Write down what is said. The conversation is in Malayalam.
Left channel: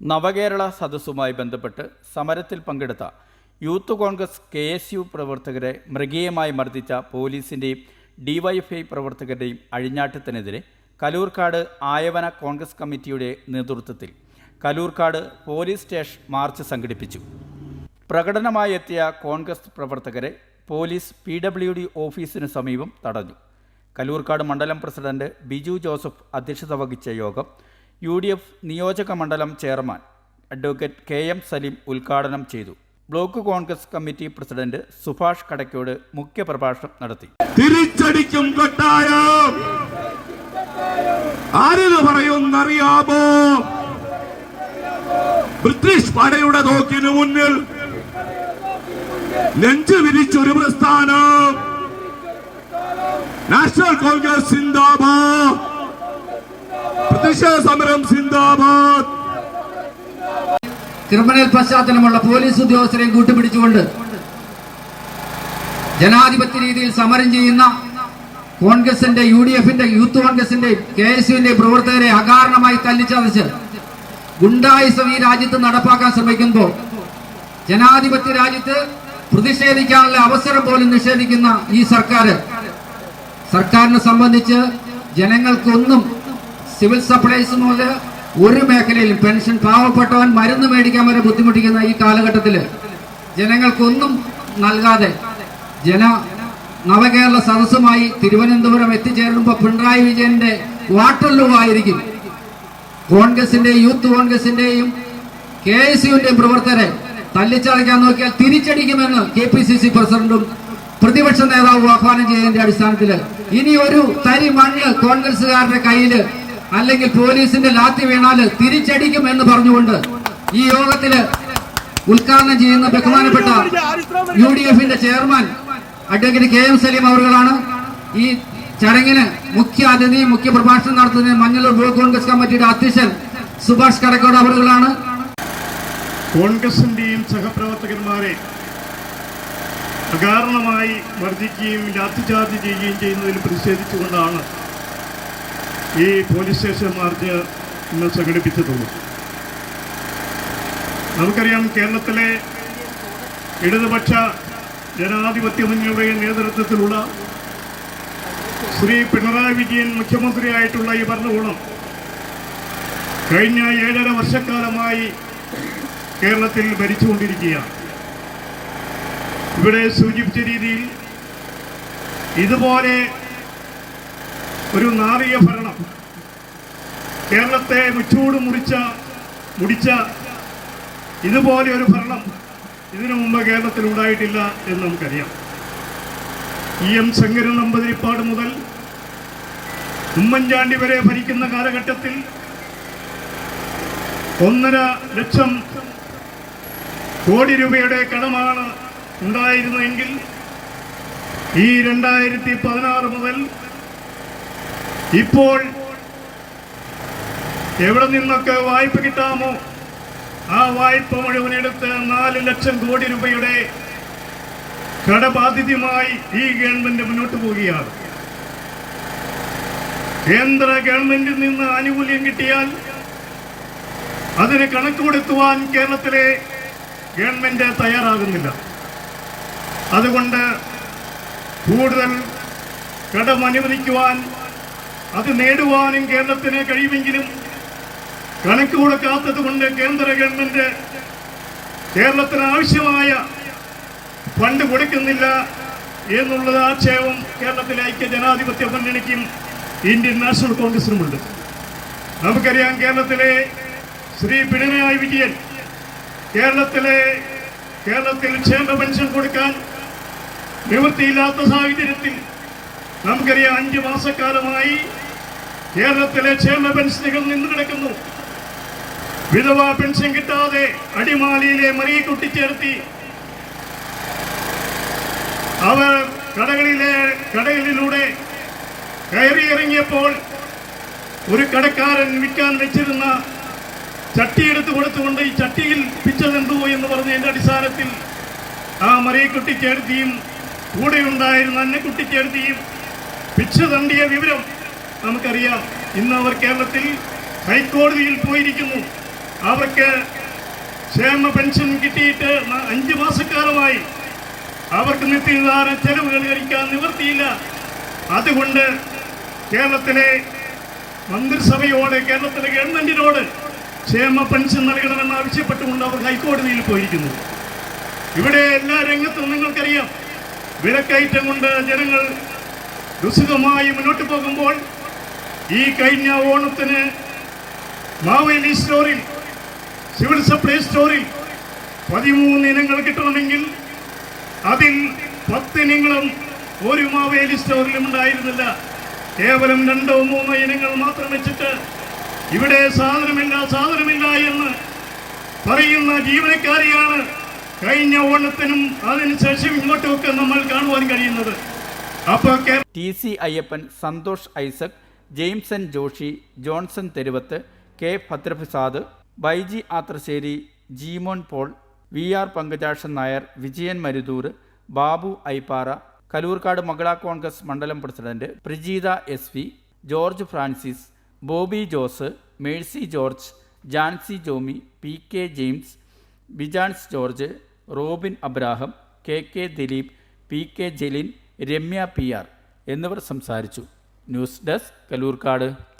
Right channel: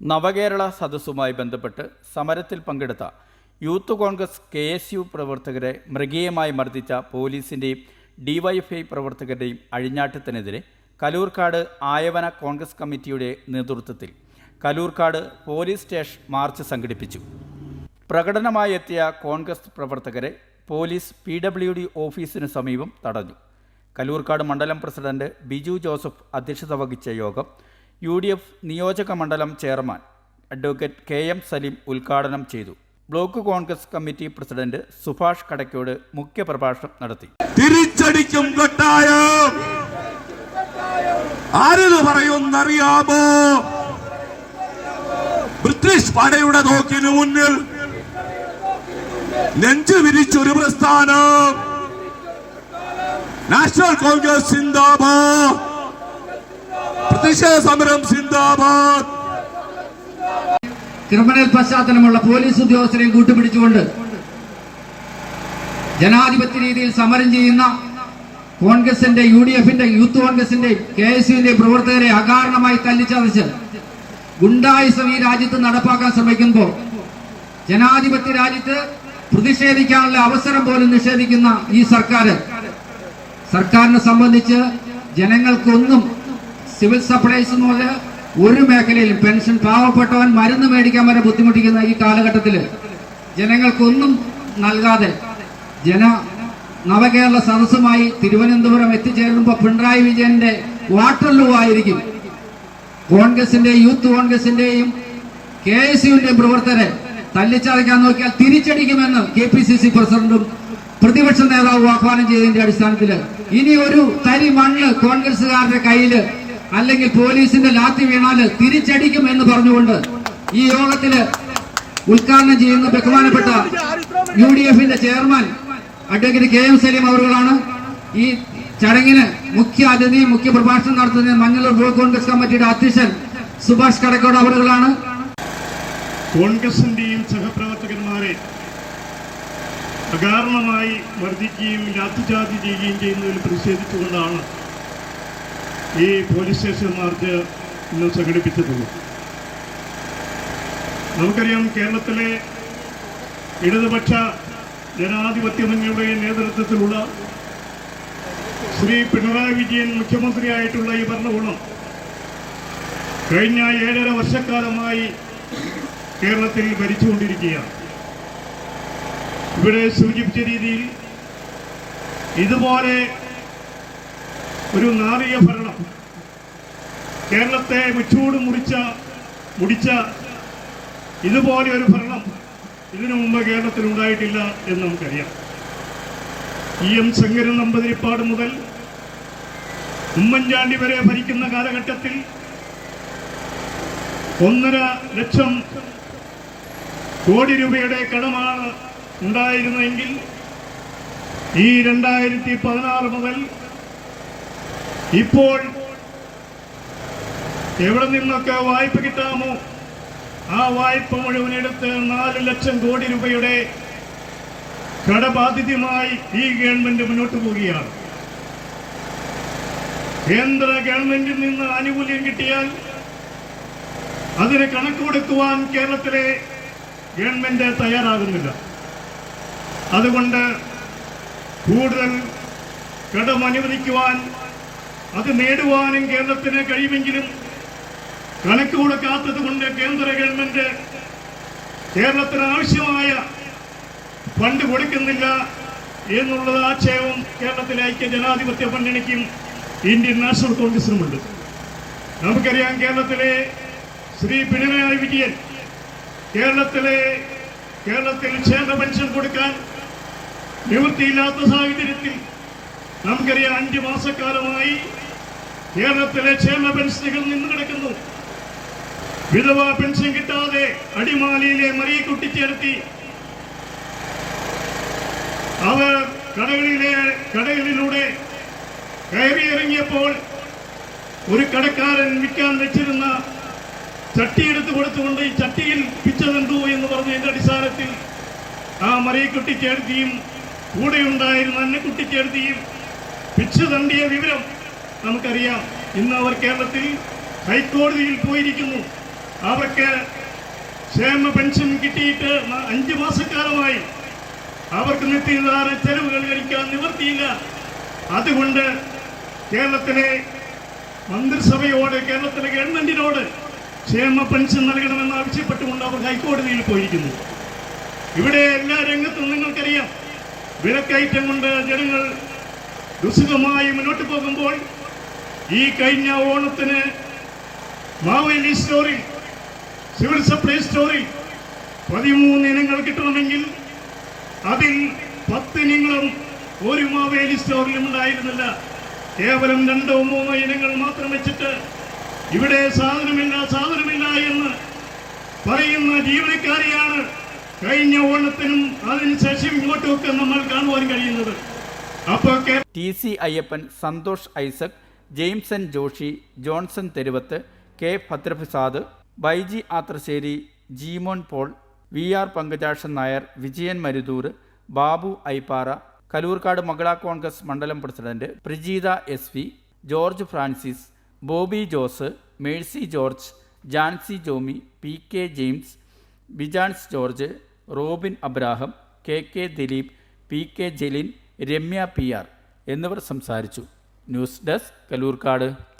നവകേരള സദസ്സുമായി ബന്ധപ്പെട്ട് സമരത്തിൽ പങ്കെടുത്ത youth congress K S U പ്രവർത്തകരെ മൃഗീയമായി മർദ്ദിച്ച പോലീസിന്റെയും ഡിവൈഎഫ്ഐ പ്രവർത്തകരുടെയും അഴിഞ്ഞാട്ടത്തിനെതിരെ കലൂർക്കാട് ആയവന കോൺഗ്രസ് കമ്മിറ്റിയുടെ നേതൃത്വത്തിൽ കലൂർക്കാട് പോലീസ് സ്റ്റേഷൻ മാർച്ച് സംഘടിപ്പിച്ചു. പ്രകടനമായി എത്തിയ കോൺഗ്രസ് പ്രവർത്തകരെ പോലീസ് പി ഡബ്ല്യു ഡി ഓഫീസിന് സമീപം തടഞ്ഞു. കലൂർക്കാട് മണ്ഡലം പ്രസിഡന്റ് ബിജു ജോസഫ് അധ്യക്ഷത വഹിച്ച യോഗം യു ഡി എഫ് നിയോജക മണ്ഡലം chairman advocate K M Salim ഉദ്ഘാടനം ചെയ്തു. Block congress committee president Subhash Kadakkode മുഖ്യപ്രഭാഷണം നടത്തി. തിരിച്ചടിക്കും കട്ടായം. ആരെന്ന് പറയുന്നറിയാമോ? ബ്രിട്ടീഷ് പടയുടെ തോക്കിന് മുന്നിൽ നെഞ്ചു വിരിച്ചൊരു പ്രസ്ഥാനം. നാഷണൽ കോൺഗ്രസ് സിന്ദാബാദ്. പ്രതിഷേധ സമരം സിന്ദാബാദ്. ക്രിമിനൽ പശ്ചാത്തലമുള്ള പോലീസ് ഉദ്യോഗസ്ഥരെയും കൂട്ടുപിടിച്ചുകൊണ്ട് ജനാധിപത്യ രീതിയിൽ സമരം ചെയ്യുന്ന കോൺഗ്രസിന്റെ യു ഡി എഫിന്റെ യൂത്ത് കോൺഗ്രസിന്റെ കെ എസ് യുവിന്റെ പ്രവർത്തകരെ അകാരണമായി തല്ലിച്ചതച്ച് ഗുണ്ടായിസം ഈ രാജ്യത്ത് നടപ്പാക്കാൻ ശ്രമിക്കുമ്പോൾ ജനാധിപത്യ രാജ്യത്ത് പ്രതിഷേധിക്കാനുള്ള അവസരം പോലും നിഷേധിക്കുന്ന ഈ സർക്കാർ സർക്കാരിനെ സംബന്ധിച്ച് ജനങ്ങൾക്കൊന്നും സിവിൽ സപ്ലൈസ് എന്ന് പറഞ്ഞ ഒരു മേഖലയിലും പെൻഷൻ പാവപ്പെട്ടവൻ മരുന്ന് മേടിക്കാൻ വരെ ബുദ്ധിമുട്ടിക്കുന്ന ഈ കാലഘട്ടത്തിൽ ജനങ്ങൾക്കൊന്നും നൽകാതെ ജന നവകേരള സദസ്സുമായി തിരുവനന്തപുരം എത്തിച്ചേരുമ്പോൾ പിണറായി വിജയന്റെ വാട്ടർലൂ ആയിരിക്കും കോൺഗ്രസിന്റെ യൂത്ത് കോൺഗ്രസിന്റെയും കെ എസ് യുവിന്റെയും പ്രവർത്തകരെ തല്ലിച്ചറിക്കാൻ നോക്കിയാൽ തിരിച്ചടിക്കുമെന്ന് കെ പി സി സി പ്രസിഡന്റും പ്രതിപക്ഷ നേതാവ് ആഹ്വാനം ചെയ്തതിന്റെ അടിസ്ഥാനത്തിൽ ഇനി ഒരു തരി മണ്ണ് കോൺഗ്രസുകാരുടെ കയ്യിൽ അല്ലെങ്കിൽ പോലീസിന്റെ ലാത്തി വീണാൽ തിരിച്ചടിക്കും എന്ന് പറഞ്ഞുകൊണ്ട് ഈ യോഗത്തിൽ ഉദ്ഘാടനം ചെയ്യുന്ന ബഹുമാനപ്പെട്ട യു ഡി എഫിന്റെ chairman advocate K M Salim അവറുകളാണ്. ഈ ചടങ്ങിന് മുഖ്യ അതിഥി മുഖ്യ പ്രഭാഷണം നടത്തുന്ന മഞ്ഞളൂർ ബ്ലോക്ക് കോൺഗ്രസ് കമ്മിറ്റിയുടെ അധ്യക്ഷൻ സുഭാഷ് കടക്കോട് അവറുകളാണ്. കോൺഗ്രസിന്റെയും സഹപ്രവർത്തകന്മാരെ അകാരണമായി വർദ്ധിക്കുകയും ലാത്തിചാർജ് ചെയ്യുകയും ചെയ്യുന്നതിൽ പ്രതിഷേധിച്ചുകൊണ്ടാണ് ഈ പോലീസ് സ്റ്റേഷൻ മാർച്ച് ഇന്ന് സംഘടിപ്പിച്ചിട്ടുള്ളത് നമുക്കറിയാം കേരളത്തിലെ ഇടതുപക്ഷ ജനാധിപത്യ മുന്നണിയുടെ നേതൃത്വത്തിലുള്ള ശ്രീ പിണറായി വിജയൻ മുഖ്യമന്ത്രിയായിട്ടുള്ള ഈ ഭരണകൂടം കഴിഞ്ഞ ഏഴര വർഷക്കാലമായി കേരളത്തിൽ ഭരിച്ചുകൊണ്ടിരിക്കുകയാണ്. ഇവിടെ സൂചിപ്പിച്ച രീതിയിൽ ഇതുപോലെ ഒരു നാറിയ ഭരണം കേരളത്തെ വിട്ടുകൂട് മുടിച്ച മുടിച്ച ഇതുപോലെ ഒരു ഭരണം ഇതിനു മുമ്പ് കേരളത്തിൽ ഉണ്ടായിട്ടില്ല എന്ന് നമുക്കറിയാം. ഇ എം ശങ്കരൻ നമ്പതിരിപ്പാട് മുതൽ ഉമ്മൻചാണ്ടി വരെ ഭരിക്കുന്ന കാലഘട്ടത്തിൽ ഒന്നര ലക്ഷം കോടി രൂപയുടെ കടമാണ് ഉണ്ടായിരുന്നതെങ്കിൽ ഈ രണ്ടായിരത്തി പതിനാറ് മുതൽ ഇപ്പോൾ എവിടെ നിന്നൊക്കെ വായ്പ കിട്ടാമോ? ആ വായ്പ മുഴുവൻ എടുത്ത് നാല് ലക്ഷം കോടി രൂപയുടെ കടബാധിതമായി ഈ ഗവൺമെന്റ് മുന്നോട്ട് പോവുകയാണ്. കേന്ദ്ര ഗവൺമെന്റിൽ നിന്ന് ആനുകൂല്യം കിട്ടിയാൽ അതിന് കണക്കുകൊടുത്തുവാൻ കേരളത്തിലെ ഗവൺമെന്റ് തയ്യാറാകുന്നില്ല. അതുകൊണ്ട് കൂടുതൽ കടം അനുവദിക്കുവാൻ അത് നേടുവാനും കേരളത്തിന് കഴിയുമെങ്കിലും കണക്ക് കൊടുക്കാത്തത് കൊണ്ട് കേന്ദ്ര ഗവൺമെന്റ് കേരളത്തിന് ആവശ്യമായ ഫണ്ട് കൊടുക്കുന്നില്ല എന്നുള്ളത് ആക്ഷേപം കേരളത്തിലെ ഐക്യ ജനാധിപത്യ മുന്നണിക്കും ഇന്ത്യൻ നാഷണൽ കോൺഗ്രസിനുമുണ്ട്. നമുക്കറിയാം കേരളത്തിലെ ശ്രീ പിണറായി വിജയൻ കേരളത്തിലെ കേരളത്തിൽ ക്ഷേമ പെൻഷൻ കൊടുക്കാൻ നിവൃത്തിയില്ലാത്ത സാഹചര്യത്തിൽ നമുക്കറിയാം അഞ്ചു മാസക്കാലമായി കേരളത്തിലെ ക്ഷേമ പെൻഷനുകൾ നിന്ന് കിടക്കുന്നു. വിധവാ പെൻഷൻ കിട്ടാതെ അടിമാലിയിലെ മറിയെ കുട്ടിച്ചേർത്തി അവർ കടകളിലെ കടകളിലൂടെ കയറിയിറങ്ങിയപ്പോൾ ഒരു കടക്കാരൻ വിൽക്കാൻ വെച്ചിരുന്ന ചട്ടി എടുത്തു കൊടുത്തുകൊണ്ട് ഈ ചട്ടിയിൽ പിച്ചതെന്തോ എന്ന് പറഞ്ഞതിന്റെ അടിസ്ഥാനത്തിൽ ആ മറിയക്കുട്ടിക്കെടുത്തിയും കൂടെ ഉണ്ടായിരുന്ന അന്നക്കുട്ടിക്കെടുത്തിയും പിച്ച് തണ്ടിയ വിവരം നമുക്കറിയാം. ഇന്ന് അവർ കേരളത്തിൽ ഹൈക്കോടതിയിൽ പോയിരിക്കുന്നു. അവർക്ക് ക്ഷേമ പെൻഷൻ കിട്ടിയിട്ട് അഞ്ച് മാസക്കാലമായി അവർക്ക് നിത്യനിധാന ചെലവുകൾ കഴിക്കാൻ നിവൃത്തിയില്ല. അതുകൊണ്ട് കേരളത്തിലെ മന്ത്രിസഭയോട് കേരളത്തിലെ ഗവൺമെന്റിനോട് ക്ഷേമ പെൻഷൻ നൽകണമെന്ന് ആവശ്യപ്പെട്ടുകൊണ്ട് അവർ ഹൈക്കോടതിയിൽ പോയിരിക്കുന്നു. ഇവിടെ എല്ലാ രംഗത്തും നിങ്ങൾക്കറിയാം വിലക്കയറ്റം കൊണ്ട് ജനങ്ങൾ ദുസ്സുഖമായി മുന്നോട്ട് പോകുമ്പോൾ ഈ കഴിഞ്ഞ ഓണത്തിന് മാവേലി സ്റ്റോറിൽ സിവിൽ സപ്ലൈ സ്റ്റോറിൽ പതിമൂന്ന് ഇനങ്ങൾ കിട്ടണമെങ്കിൽ അതിൽ പത്തിനങ്ങളും ഒരു മാവേലി സ്റ്റോറിലും ഉണ്ടായിരുന്നില്ല. കേവലം രണ്ടോ മൂന്നോ ഇനങ്ങൾ മാത്രം വെച്ചിട്ട് ഇവിടെ സാധനമില്ല സാധനമില്ല എന്ന് പറയുന്ന ജീവനക്കാരിയാണ് കഴിഞ്ഞ ഓണത്തിനും അതിനുശേഷം ഇങ്ങോട്ടുമൊക്കെ നമ്മൾ കാണുവാൻ കഴിയുന്നത്. അപ്പോൾ T C Ayyappan Santhosh Isaac Jameson Joshy Johnson Theruvath K Bhadraprasad Baiji Athrasseri Jeemon Paul V R Pankajakshan Nair Vijayan Maruthur Babu Aippara Kalloorkad മകള congress മണ്ഡലം president Prajeetha S V George Francis Bobby Jose Mercy George Jancy Jomy P K James Bijans George Robin Abraham K K Dileep P K Jaleen Ramya P R എന്നിവർ സംസാരിച്ചു. News desk Kalloorkad.